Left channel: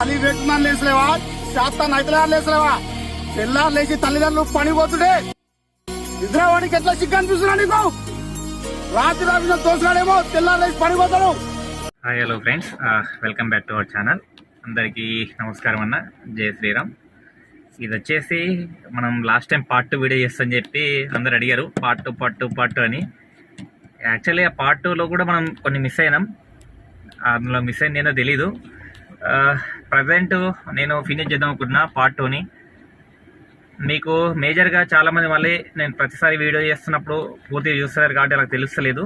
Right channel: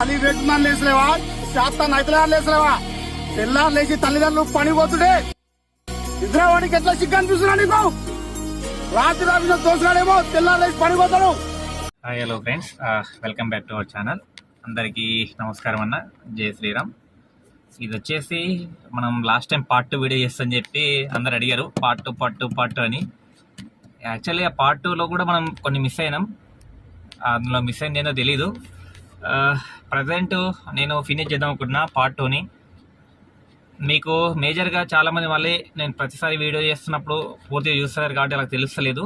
తల్లి పెట్టున్నాను లేసలేవా శాస్త్రాన్ని అయితే లేసలేవా తెల్లారు లేచి తల్లిదండ్రులు పని పోతుండే నిద్రవాడికి ఎట్లా సిగ్గు అనిపిస్తున్నా నీకు రాత్రి రాసిన దోసుగాడేమో తెల్లారు లేచి పని పోతాడు. Hi hello friends, welcome back to our channel. అందరికీ నమస్కారం అన్న, జై శ్రీరామ్. ఇది వచ్చేసి మనం లాస్ట్ టైం పార్ట్ 2 వీడియో చేస్తామని చెప్పి అందరు అడిగారు, పార్ట్ 2 అని. యాక్చువల్లీ ఆ పార్ట్ 2లో కూడా మనం కొన్ని మిస్ అయినాం. అందులో మిస్ అయింది ఏందో తెలీదు. ప్రజెంట్ నేను ఫినిష్ చేద్దాం అనుకుంటున్నా పార్ట్ 2ని. మీకు మేజర్గా చాలామంది మళ్ళీ నేను ప్రతిసారి వీడియో చేస్తున్నప్పుడు పూర్తిగా చూస్తున్నారు కాబట్టి అలా తెలుస్తలేదు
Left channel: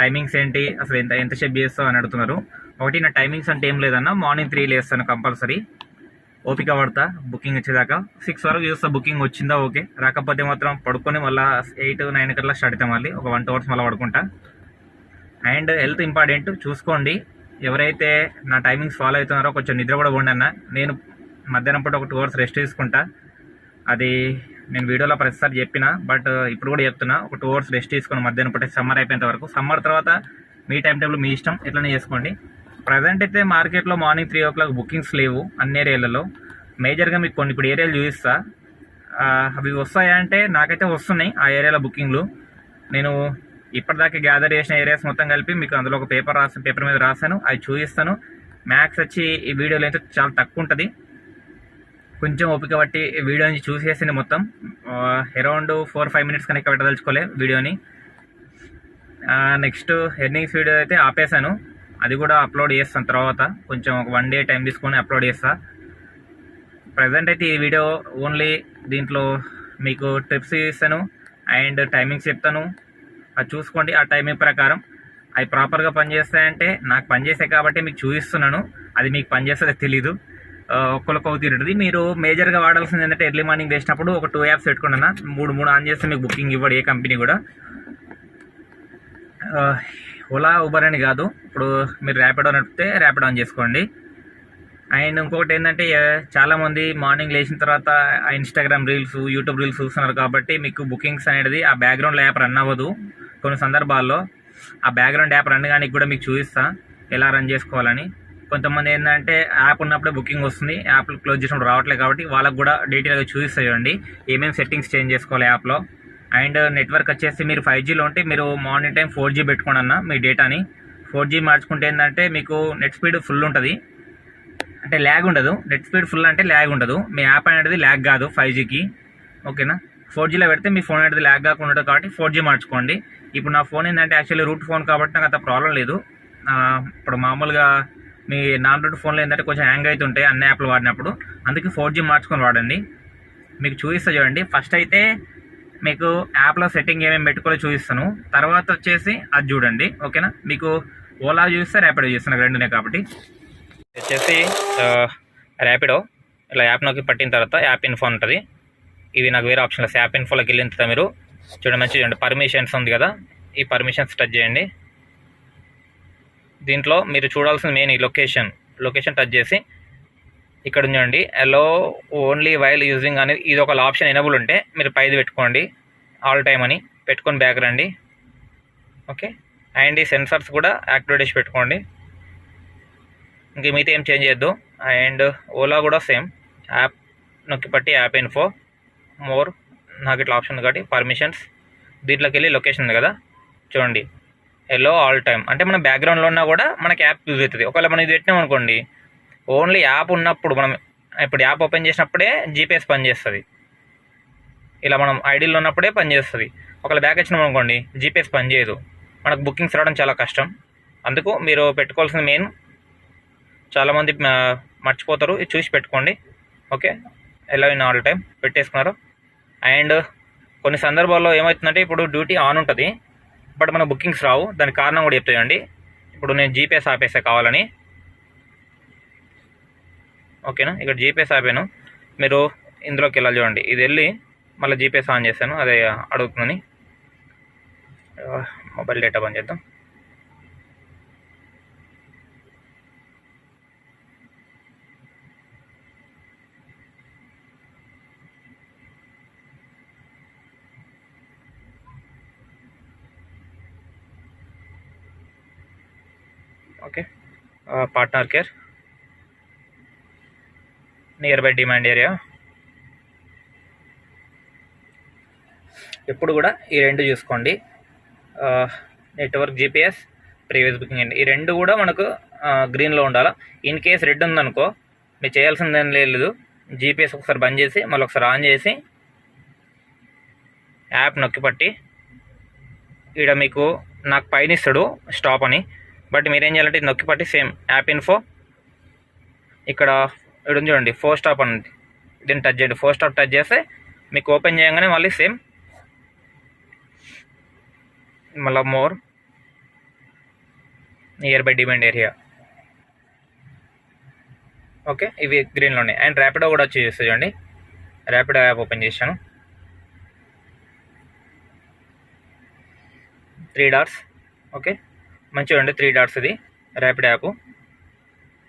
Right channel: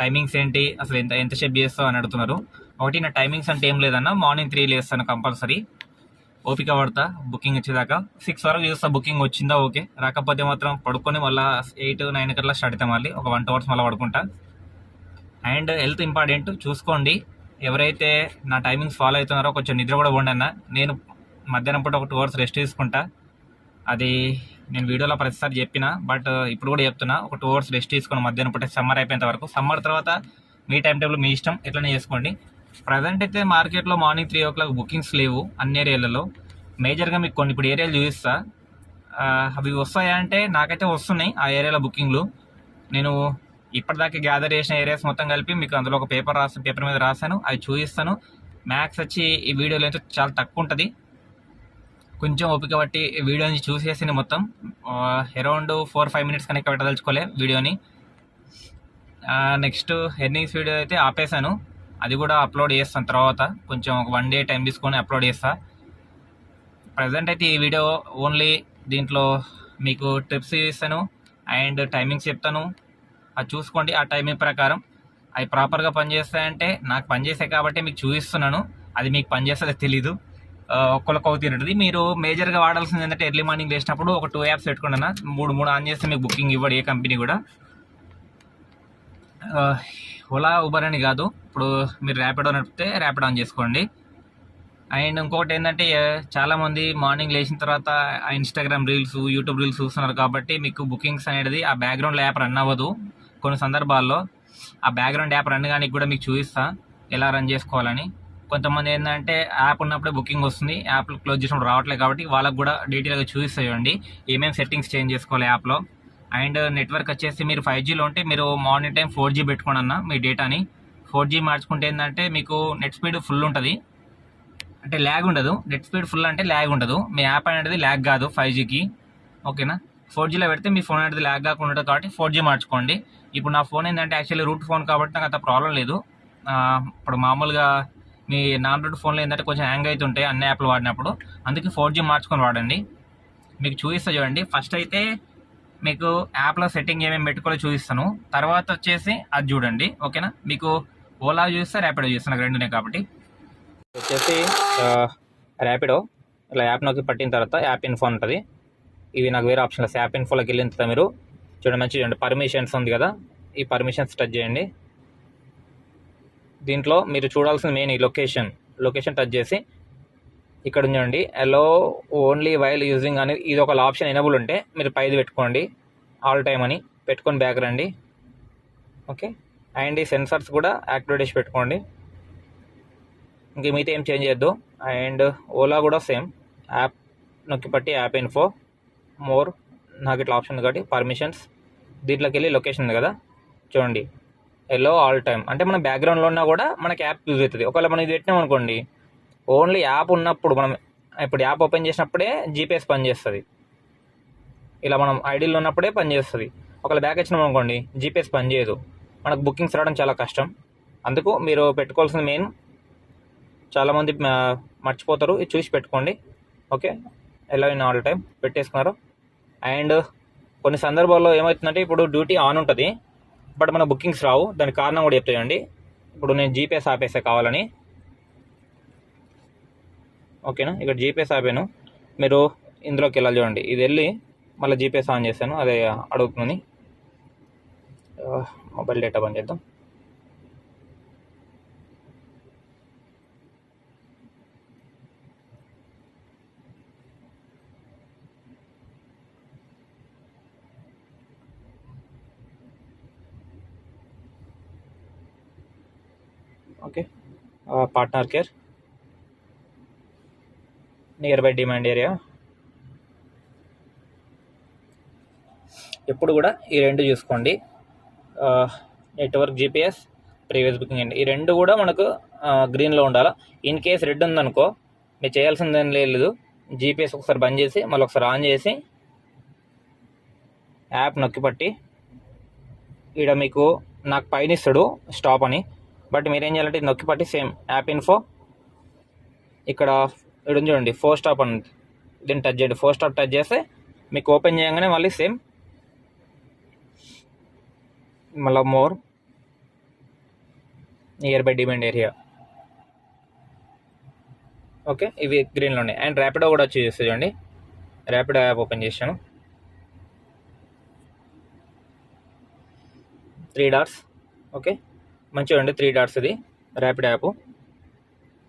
టైమింగ్స్ ఏంటి, అసలు ఎంతసేపు చేస్తావు అని అడుగుతున్నారు. ఒకటి, నా టైమింగ్స్ అంటే ఏం లేదన్న, మార్నింగ్ 3 లేస్తాను కంపల్సరీ, ఓపిక పడతా బుకింగ్ వచ్చేదాకా. 6 వరకు చూస్తా బుకింగ్ వచ్చిందా ఓకే, రాకపోతే మాత్రం పడుకొని మళ్ళీ 8-9 కల్లా స్టార్ట్ అవుతాం, మళ్ళీ ఒక 1-2 అవర్స్ మళ్ళీ పడుకుంటా. అండ్ హెల్త్ ఇంపార్టెంట్, చూసుకోండి. ఎవరైతే నా టైమింగ్స్ ఫాలో అవుతున్నారో కొంచెం నిద్ర కూడా పోండి అన్న. నేను మధ్యాహ్నం పూట ఒక 2 అవర్స్ రెస్ట్ తీసుకుంటా. అది నేను వీడియోలో ప్రతిసారి చెప్పిన, బట్ ఇప్పుడు కూడా చెప్తున్నా, ఒక 2 అవర్స్ రెస్ట్ తీసుకుని మధ్యాహ్నం పూట సమ్మర్ అయిపోయేంత వరకు. సమ్మర్ తర్వాత మీ టైం టేబుల్ మీ ఇష్టం, ఎట్లనే చేసుకోండి. ప్రజెంట్ అయితే మార్కెట్లో మార్నింగ్ 3 o'clock బుకింగ్స్ లేవు అన్ని ఏరియాలలో. మేజర్గా మీకు కొన్ని ఇప్పుడు ఏరియాలు చూపిస్తా, అవి వస్తాయా అంటే నాకైతే వస్తున్నాయి ఆ ఏరియాలో బుకింగ్లు. నేను ఇప్పటిదాకా గ్యాదర్ చేసిన ఏరియాస్ మొత్తం కలిపి మీకు అందులో ఒక పేపర్ మీద రాశాను, అవి చూపిస్తాను. మ్యాథ్స్ వచ్చి ఈ వీడియోలో అయితే చాలా తక్కువ ఉంటుంది, కొంచెం ఓపిక బట్టి వీడియో నుంచి చూసేసింది మొత్తం. అరౌండ్ 4-5 minutes కనుక పెట్టదలుచుకోలే వీడియోని. నెక్స్ట్ ఎర్నింగ్స్ వీడియో అయితే ఆపేశాను, అది కూడా అప్లోడ్ చేస్తాను తర్వాత, కొంచెం ఒక 1 day టైం తీసుకొని అప్లోడ్ చేస్తా. ప్రజెంట్ అయితే ఈ వీడియో ఓన్లీ దీంట్లో మీకు టిప్స్ ఇస్తాను అండ్ టైమింగ్స్ చెప్తాను, అది చూసుకోండి. ఆ టైమింగ్ ప్రకారం అవి ప్రాపర్గా పనిచేస్తాయంటే నాకు పనిచేస్తాయి కాబట్టి మీకు చూపిస్తున్నాను. అది మీకు పనిచేస్తుందో తెలీదు, ఒక్కొక్క తిరుగుతుంది. మీరు మేజర్గా వాడాల్సింది ఏంటంటే ఎర్లీ మార్నింగ్ లేచినప్పుడు ఒక 2 యాప్స్ పెట్టుకున్నా, 3 ఆన్ చేస్తే మీకు బుకింగ్ ఇవ్వడు ఏ కంపెనీ కూడా. ఓలా, ఊబర్ అని కాదు, ఇప్పుడు మీరు ర్యాపిడో నడిపితే ర్యాపిడో ఆన్ చేసుకోండి. అండ్ ఇంకొకటి ఏంటంటే, చాలామంది మార్నింగ్ లేచిన తర్వాత ఇన్స్టాగ్రామ్ రీల్స్, యూట్యూబ్ రీల్స్ చూస్తున్నారు కాబట్టి మీకు బుకింగ్స్ అనేది ఆ బ్యాక్గ్రౌండ్ యాప్ రన్ అవ్వదు కొన్ని సందర్భాల్లో. ఆ బ్యాక్గ్రౌండ్ యాప్ రన్ కానీ కూడా మీకు చూపిస్తా ఎలా రన్ చేసుకోవాలని. కొంతమంది ఏంటంటే యాప్ ఉన్నప్పుడే బుకింగ్ వస్తుంది, యాప్ క్లోజ్ చేసినప్పుడు రావట్లేదు, కాబట్టి వాళ్ళకు కూడా డీటెయిల్గా చూపిస్తాయండి ఏమేమి సెట్టింగ్స్ చేంజ్ చేసుకోవాలి యాప్లో. అండ్ నెట్వర్క్ వచ్చేసి మీరు 5Gలో ఉంటే మీరు మార్నింగ్ టైం 4G పెట్టుకోండి అన్న మీ డేటాని. 4G మార్చుకుంటే ఏంటంటే మీకు నెట్ స్పీడ్ ఫుల్ ఉంటుంది, అంటే ల్యాగ్ ఉండదు. నెట్ స్పీడ్ ఫుల్ అంటే ల్యాగ్ ఉండదు, మీ యాప్ అనేది ల్యాగ్ కాదు 5Gకి, ఓకేనా. 4Gలో పెడితే మీ ఫోన్ అనేది ల్యాగ్ కాకుండా ఉంటుంది కాబట్టి 4G మార్చుకోండి. ఇప్పుడు నా ఫోన్ ఏంటంటే యాక్చువల్లీ రూట్ ఫోన్ కాబట్టి నాకు అంత ప్రాబ్లం లేదు. ఇప్పుడు మామూలుగా మీ నాన్ రూట్ ఫోన్లో ఏంటంటే కొంచెం హ్యాంగ్ అవుతుంటాయి అన్ని యాప్లు వాడినప్పుడు, అందుకే 4G మార్చుకొని వాడండి. మీకు చూపిస్తా చూడండి. ఫస్ట్ అయితే మీకు యాప్లో సెట్టింగ్ ఏమేమి పెట్టుకోవాలో చూపిస్తాను, తర్వాత వచ్చేసి అది చూడండి, ఓకేనా. మీకు ఓలా చూస్తే ర్యాపిడో చూస్తాను, రెండునే కాబట్టి. వచ్చేసి ర్యాపిడో ఇలా యాప్ నొక్కి పట్టిన తర్వాత యాప్ ఇన్ఫో ఉంటుంది. ఇవి నాకు వేరే ఆప్షన్లు. యాప్ ఇన్ఫోలోకి వెళ్ళిన తర్వాత మీరు చూడండి, మంచిగా చూడండి, పర్మిషన్స్ ఉంది కదా, ఈ పర్మిషన్స్ టచ్ చేయండి. దీంట్లో మీరు చూడాల్సిన మెయిన్ ఈ లొకేషన్ టచ్ చేసి ఇక్కడ ఉండండి, అలో ఓన్లీ వైల్ యూజింగ్ అని ఇది ఒక ఆప్షన్ ఎనేబుల్ ఉంటే మీరు పైది పెట్టుకోండి, ఆల్ టైమ్ అని పెట్టుకొని బ్యాక్ రండి, ఓకే. అండ్ ఈ సెన్సార్స్ కూడా యాక్టివేట్ చేసి పెట్టుకోండి, ఇంక మిగతా ఏం చేంజ్ చేయొద్దు. అండ్ ఓలా కూడా సేమ్, యాప్ నొక్కి పట్టి యాప్ ఇన్ఫో మోర్, నాకు ఇట్లా ఆప్షన్ ఉంది కాబట్టి పర్మిషన్స్, దీంట్లోకి వెళ్ళి లొకేషన్ ఉంది కదా చూడండి, ఎల్లో ఆల్ టైమ్ అంటే మన బ్యాక్గ్రౌండ్లో ఉన్నా కూడా మనకి యాప్ యూజ్ అవుతుంది. ఒకవేళ మనం ఇది పెట్టినాం అనుకోండి, ఓన్లీ యాప్ ఉన్నప్పుడు మనం ఇప్పుడు యాప్ ఓపెన్ చేసినప్పుడే జీపీఎస్ పనిచేస్తుంది, ఇలా మనం ఐడీలో ఉన్నప్పుడే పనిచేస్తుంది. ఒకవేళ బ్యాక్ వచ్చినాం అనుకోండి జీపీఎస్ పనిచేయదు, మనకు బుకింగ్స్ రావడం చాలా కష్టం. అందుకు మీరు పెట్టుకోవాల్సిన మెయిన్, చాలామంది మర్చిపోతారు, ఇది చూసి పెట్టుకోండి, ఓకే. ఎలా ఇన్ ఆల్ టైమ్ పెట్టేసుకున్నారు. అండ్ కొన్ని సందర్భాల్లో ఏమవుతుందంటే ఇప్పుడు డ్యూటీ ఆన్ ఉంటుంది బట్ మన బుకింగ్స్ రావు, దానికి కారణం కూడా చెప్తాయండి. ఇప్పుడు నేను జీపీఎస్ ఆపేసా కావాలని, ఓకేనా. ఇక్కడ జీపీఎస్ ఆపాను, మీరు ఇందులోకి వెళ్ళాలి చూడండి, ఇది వెళ్ళి మళ్ళీ జీపీఎస్ ఆన్ చేశాను, అదే అడుగుతుందని. మొబైల్ డేటా బంద్ చేద్దాం. Okay, partner care near by demand area. ఎప్పుడు కూడా ఈ రెండు చూసుకోండి, నెట్వర్క్ జీపీఎస్ ప్రీవియస్ బుకింగ్ అండి. ఈ రెండు కూడా మనకు గ్రీన్లో ఉండాలి. ఇన్ కేస్ రెడ్ ఉందనుకో మీరు చేయాల్సిందేం లేదు, జీపీఎస్ ఒకసారి బంద్ చేసి మళ్ళీ ఒకసారి ఆన్ చేసి యాప్ నొక్కి పట్టి ఇక్కడ మీకు నాకు పైన ఇస్తాడు స్టాప్ అని, బట్ మీరేం చేయాలంటే ఇది నొక్కి పట్టి సేమ్ యాప్ ఇన్ఫో ఇక్కడ ఇక్కడ ఉంది చూడండి 4 స్టాప్ అని, దీన్ని టచ్ చేయండి. 4 స్టాప్ టచ్ చేస్తే మీకు ఓపెన్ చేయగానే మళ్ళీ సేమ్ మళ్ళీ more near by demand area. Okay, ఇవి గ్రీన్లో ఉన్నాయి. అండ్ ర్యాపిడో కూడా వచ్చి చూస్తే చూడండి, ర్యాపిడో యాప్ ఓపెన్ చేశాను. 3 డాట్స్. ఓకే, మంచిగా ఉండి 3 డాట్స్. ఇది Rapido app.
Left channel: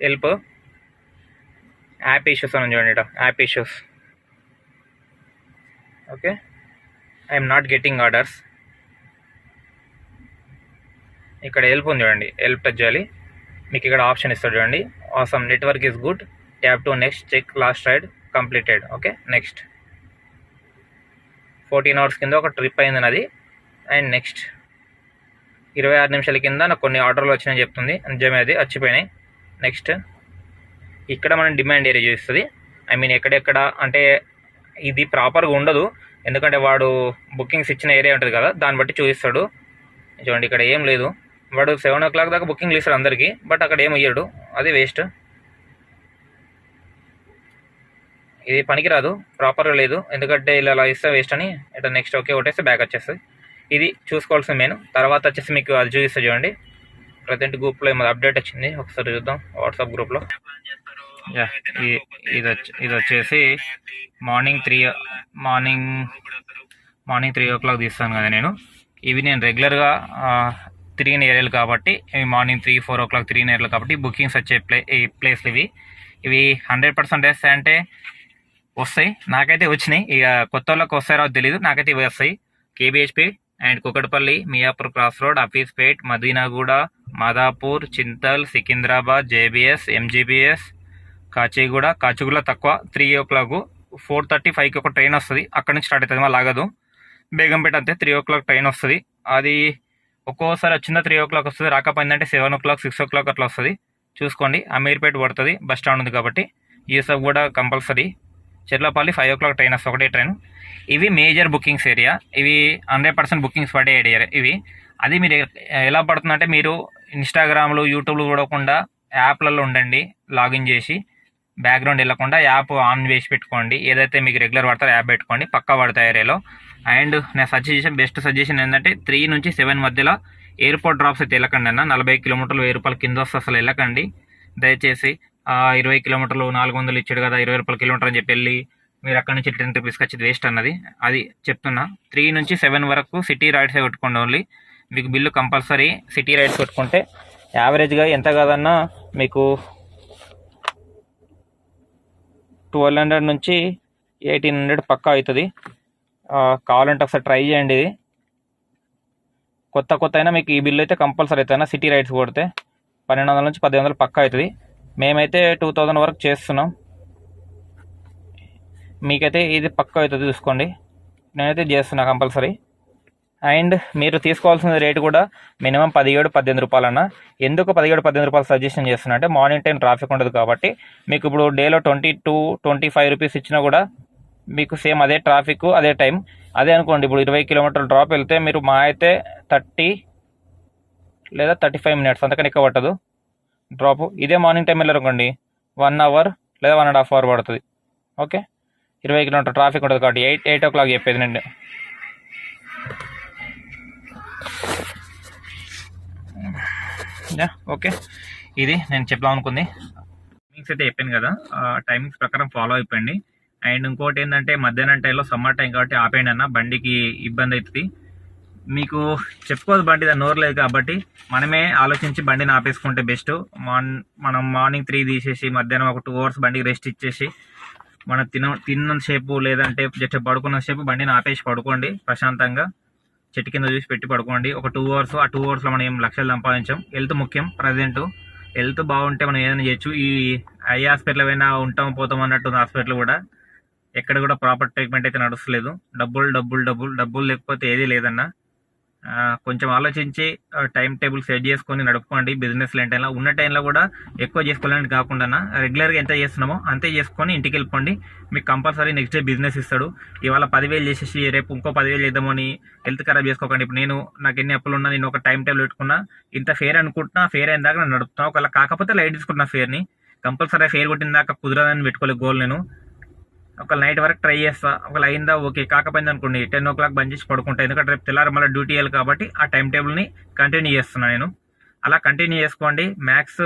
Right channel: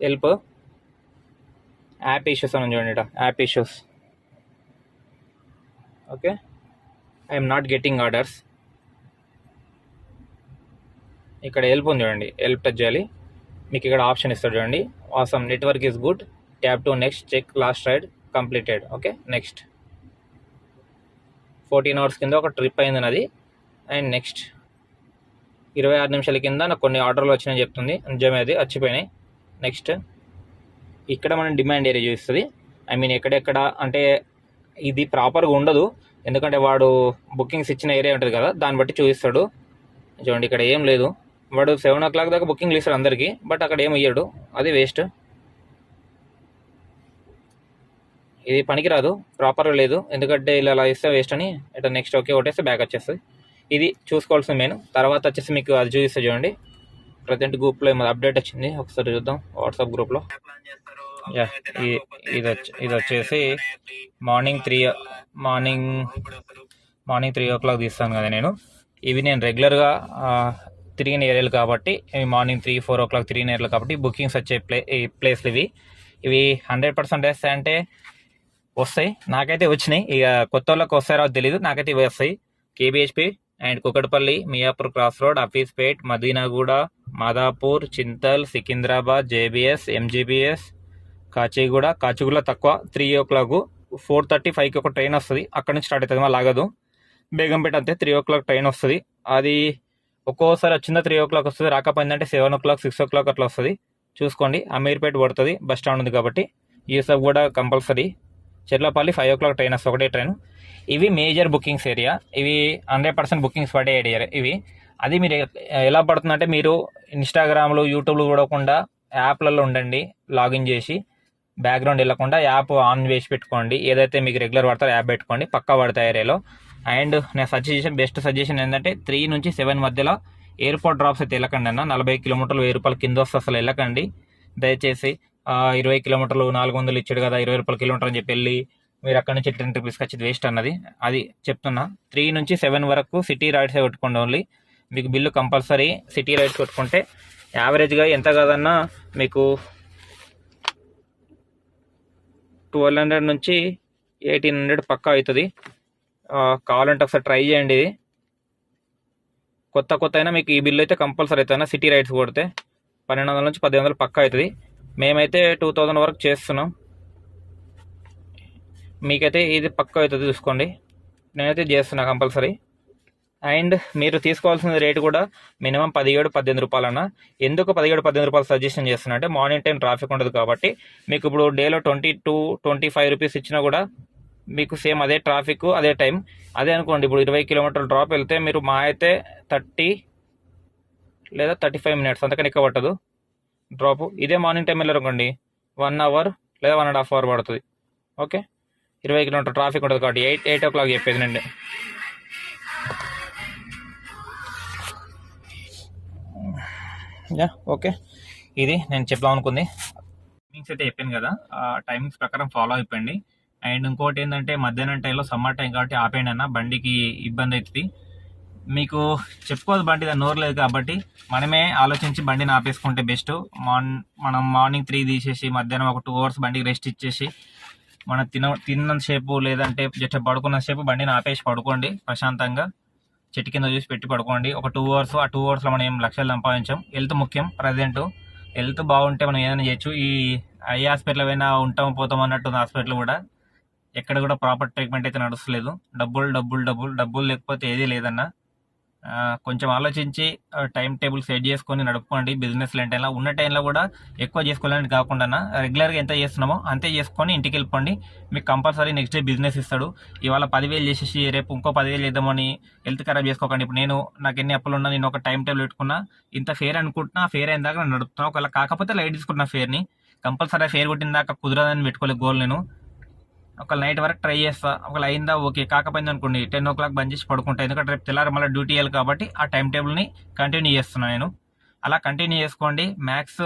Help, app issues అని చూడండి, ఇక్కడ app issues. Okay, I'm not getting orders. ఇక్కడ హెల్ప్ ఉంది చూడండి, హెల్ప్ టచ్ చేయాలి. మీకు ఇక్కడ ఆప్షన్ ఇస్తాడు చూడండి, awesome network is good, tap to next, check last ride completed. Okay, next 14 hours కింద ఒక ట్రిప్ అయింది నాది. అండ్ నెక్స్ట్ 26 నిమిషాల కింద నాకు కొన్ని ఆర్డర్లు వచ్చినాయని చెప్తుంది, నిజమే అది వచ్చిపోయినాయి. నెక్స్ట్ ఇక్కడ మనం డిమాండ్ ఏరియా చూస్తుంది. ఐ మీన్ ఎక్కడెక్కడ అంటే ఇది ప్రాపర్గా ఉండదు, ఎందుకంటే వాడు బుకింగ్స్ ఇచ్చిన ఏరియా ఉంటుంది కదా, దాన్ని బట్టి చూపిస్తాడు. చూడండి ఇక్కడ ఏం లేదు, వాడు 7 o'clock దాకా బుకింగ్లు ఇస్తాడు అందరికీ, బట్ అక్కడ ఏం ఇయ్యాడు, అది వేస్ట్. ఇది పనికిరాదు, ప్రాపర్గా లేదు, ఎందుకంటే ఇలా ఇస్తే వేస్ట్ అని. ఇట్లా నెక్స్ట్ ఓకే కొట్టేస్తే బ్యాక్ వచ్చేస్తుంది. ఇది చూసుకోవాల్సిన మెయిన్. తర్వాత వచ్చేసి మీకు అది చూపిస్తా చూడండి, ప్రజెంట్ గ్రూప్లో ఏమో అప్డేట్ వచ్చింది, ఒకసారి చూద్దాం వాట్సాప్ గ్రూప్లో. ఇది వచ్చేసి మార్నింగ్ 3 o'clock తీస్తాను కదా నేను. ఇవి నేను రెగ్యులర్గా తిరిగిన ఏరియాలు కాబట్టి, ఇవి మార్నింగ్ 3-4 o'clock తిరిగిన ఏరియాలు కాబట్టి బుకింగ్స్ వచ్చే ప్లేస్లు ఇవి 100% వేస్తాయి అంటే వస్తాయి. నాకైతే వచ్చినాయి, ఇక కొత్త వాళ్ళకి వస్తాయో తెలీదు, నాకైతే ఇవి వస్తాయి. KBHP and Kukatpally, Miyapur cross road, Hafeezpet, Madinaguda, Madhapur, Chintal, Secunderabad, JBS, MGBS, Kacheguda తక్కువ 3 o'clock. 4:35కి ఒక ట్రైన్ వస్తుంది, అక్కడి నుంచి స్టార్ట్ అవుతుంది, మళ్ళీ ఆగదు. బేగంపేట అంతే 3 o'clock ట్రైన్ వస్తుంది. అది ఒక్కోసారి వచ్చిందా 3 o'clock వస్తుంది, రాకపోయిందంటే 7 o'clock 6 o'clock అట్లా వస్తుంది. చూసుకోండి, అమీర్పేట పడుతుంది, బస్ స్టాండ్ ఉంది కాబట్టి. యూసఫ్ కూడా కంపల్సరీ. చెర్లపల్లి 5 o'clock ట్రైన్ వస్తుంది, ఒకటే ట్రైన్. ఇవి మేజర్ బుకింగ్స్ ఏరియా, ఇవి 100% బుకింగ్స్ పడే ఏరియా ఇవి. అది మీరు ఎలా పడుతుందంటే, మీరు ఇన్స్టాగ్రామ్లో యూట్యూబ్లో చూడకుండా యాప్లలో ఉండండి, లాగిన్ చేసి బ్యాక్గ్రౌండ్ వెళ్ళకుండా యాప్ ఆన్ చేసి పెట్టుకోండి. ఏదైతే మీకు రెగ్యులర్ పడతారో యాప్ పెట్టుకోండి, పక్కా పడతాయి ఏరియాలో. అండ్ నేను బెస్ట్ సజెషన్ ఏంటంటే 3 నుంచి 7 మధ్యలో ఎయిర్పోర్ట్ డ్రాప్స్ అయితే వెళ్ళకండి అన్న. 40 కిలోమీటర్లు 1000 రూపాయలు కింద వస్తే అసలు వెళ్ళకండి దయచేసి. 20 కిలోమీటర్లు 400 ఇచ్చాడు కదా, 20 రూపాయలు కిలోమీటర్ అని చెప్పి వెళ్ళి మీరు అక్కడ నుంచి 10 రూపీస్కి వచ్చేది వేస్ట్ అన్నది. అది చెప్తున్నా. 3 నుంచి 7 వరకు సిటీ రైడ్సే కొట్టుకోండి ఓన్లీ. మీకు బిల్లు కంపల్సరీ సిటీ రైడ్స్ కొట్టుకుంటే యావరేజ్గా ఎంత కాదన్నా మీకు 1200 నుంచి 1800 పక్కా అవుతుంది. కావాలంటే ఒకసారి ట్రై చేయండి. ఇది కొత్త అయినా మీకు ఈ బిల్లు అయితే కంపల్సరీ అవుతుంది. సిటీ రైడ్స్ కొడితే 1200 నుంచి 1500 పక్కా అవుతుంది. మేమైతే 2000 వరకు చేస్తున్నాం, మీకైతే ఇది పక్కా అవుతుంది చూసుకోండి. నేనైతే చేస్తున్నా కంపల్సరీ. అండ్ మీరు తీసుకోవాల్సిన రేటు కూడా మినిమం 17-18 రూపాయలన్నా. ఎందుకు 17-18 రూపాయలు సజెషన్ చేస్తున్నా అంటే, మార్నింగ్ టైం ట్రాఫిక్ ఉండదు కాబట్టి. మీకు ఇప్పుడు డేలో 22-25 రూపీస్ ఇచ్చినా కూడా మీకు సేమ్ అదే ట్రాఫిక్ అదే టైం. అదే అనుకోండి, ఇప్పుడు 20 కిలోమీటర్ల డ్రాప్ వెళ్తే మీరు మా అయితే 30 లేదా 35 minutes అంతకని ఎక్కువ పట్టదు డ్రాప్. ఇదే మార్నింగ్ టైం వెళ్ళారనుకోండి 1 hour లేదా 1.5 hour పడుతుంది. ఓకే, 20 కిలోమీటర్ ట్రాఫిక్ ఉంటుంది కాబట్టి 8 o'clock చెప్పేది నేను. ఓకే, ఇది నేను చెప్దాం అనుకుంది. టైమింగ్స్ అయితే చెప్పాను కదా, ఆ టైమింగ్స్ ప్రకారం ఫాలో అయిపోయింది. అండ్ ఇంకోటి ఏంటంటే, మధ్యాహ్నం టైంలో సమ్మర్ టైం కాబట్టి ఆపేయండి అన్న, బండికి ఇబ్బంది అవుతుంది. మీకు చెప్పుకోదు, బండి దాని నోరు లేదు కాబట్టి మనమే ఆలోచించి బండిని ఆపేసుకుంటే బెస్ట్. మనం మార్నింగ్ 3 తీసేసి మధ్యాహ్నం ఒక 2 hours బండికి రెస్ట్ ఇచ్చేసి, మనం తిన్నంతసేపు లేదంటే జస్ట్ పడుకున్నంతసేపు బండిని ఆపేసి పడుకోండి ప్రశాంతంగా. చెట్టు కింద చూసి పెట్టి పడుకోండి ఒక 2 hours. ఆ 2 hours మనం ఏం లక్షలు సంపాదించాం. హెల్త్ ముఖ్యం. ప్రజెంట్ హెల్త్ బాగుంటే మనం ఏదైనా చేయొచ్చు. ఈ ఐ హాస్పిటల్ పోయినా ఉంటాం పోతాం అన్నట్టుంది హాస్పిటల్ కూడా. ఎక్కడ కూడా ప్రాపర్ ట్రీట్మెంట్ అయితే నడుస్తలేదు. డబ్బులు డబ్బులు డబ్బులు డబ్బులు లేకపోతే ఏది లేదన్న. కొంచెం ఆలోచించి టైం టేబుల్ సెట్ చేసుకొని నడుపుకోండి. బిజినెస్ టైంలో ఉన్న టైంలో కూడా ఎక్కువ చేసుకోవాలని కాకుండా రెగ్యులర్గా ఎంత చేస్తున్నామో అంతే చేసుకొని ఇంటికి వెళ్ళిపోండి. మీకు కంపల్సరీ నెక్స్ట్ డే బిజినెస్ ఇస్తాడు. ఇవాళ 10,000 చేసేసి రేపు ఇంకో 10,000 చేద్దామని హెల్త్ ఖరాబ్ చేసుకోకండి. ఇప్పుడు నాకు ఎన్ని అప్పులు ఉన్నా నేను ఒక టైం టేబుల్ పెట్టుకున్నా, ఇంత ఫేర్ అనుకుంటున్నా, ఫేర్ అయిన దాకా నేను నడుపుతున్నా. ఒకవేళ కాకపోతే లైట్ తీసుకుంటున్నా ఫేర్ని. కంపల్సరీ ఫేర్ కొట్టిన దాకా కుదరదని పెట్టుకోలేదు గోల్. నేను ఒక నైట్ వరకు ట్రై చేస్తా. ఒకవేళ అయిందా ఓకే, కాకపోయింది అనుకోండి 10 o'clock బంద్ చేసి పడుకుంటా. ఎందుకంటే రేపు తెల్లారి మళ్ళీ డ్యూటీ వేయాలి కాబట్టి ఆ టైం టేబుల్ని కంటిన్యూ చేస్తున్నాను నేను. అలా కంటిన్యూ చేసుకోండి. మ్యాథ్స్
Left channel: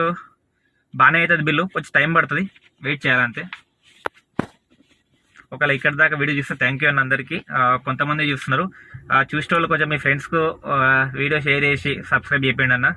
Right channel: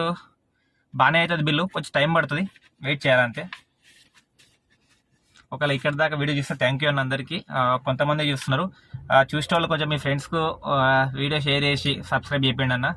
బాగానే అవుతుంది, బిల్లు కొంచెం టైం పడుతుంది, వెయిట్ చేయాలంతే. ఒకవేళ ఇక్కడ దాకా వీడియో చూస్తే థ్యాంక్ యూ అన్న అందరికీ. కొంతమంది చూస్తున్నారు, చూసే వాళ్ళు కొంచెం మీ ఫ్రెండ్స్కు వీడియో షేర్ చేసి సబ్స్క్రైబ్ చేయండి అన్న.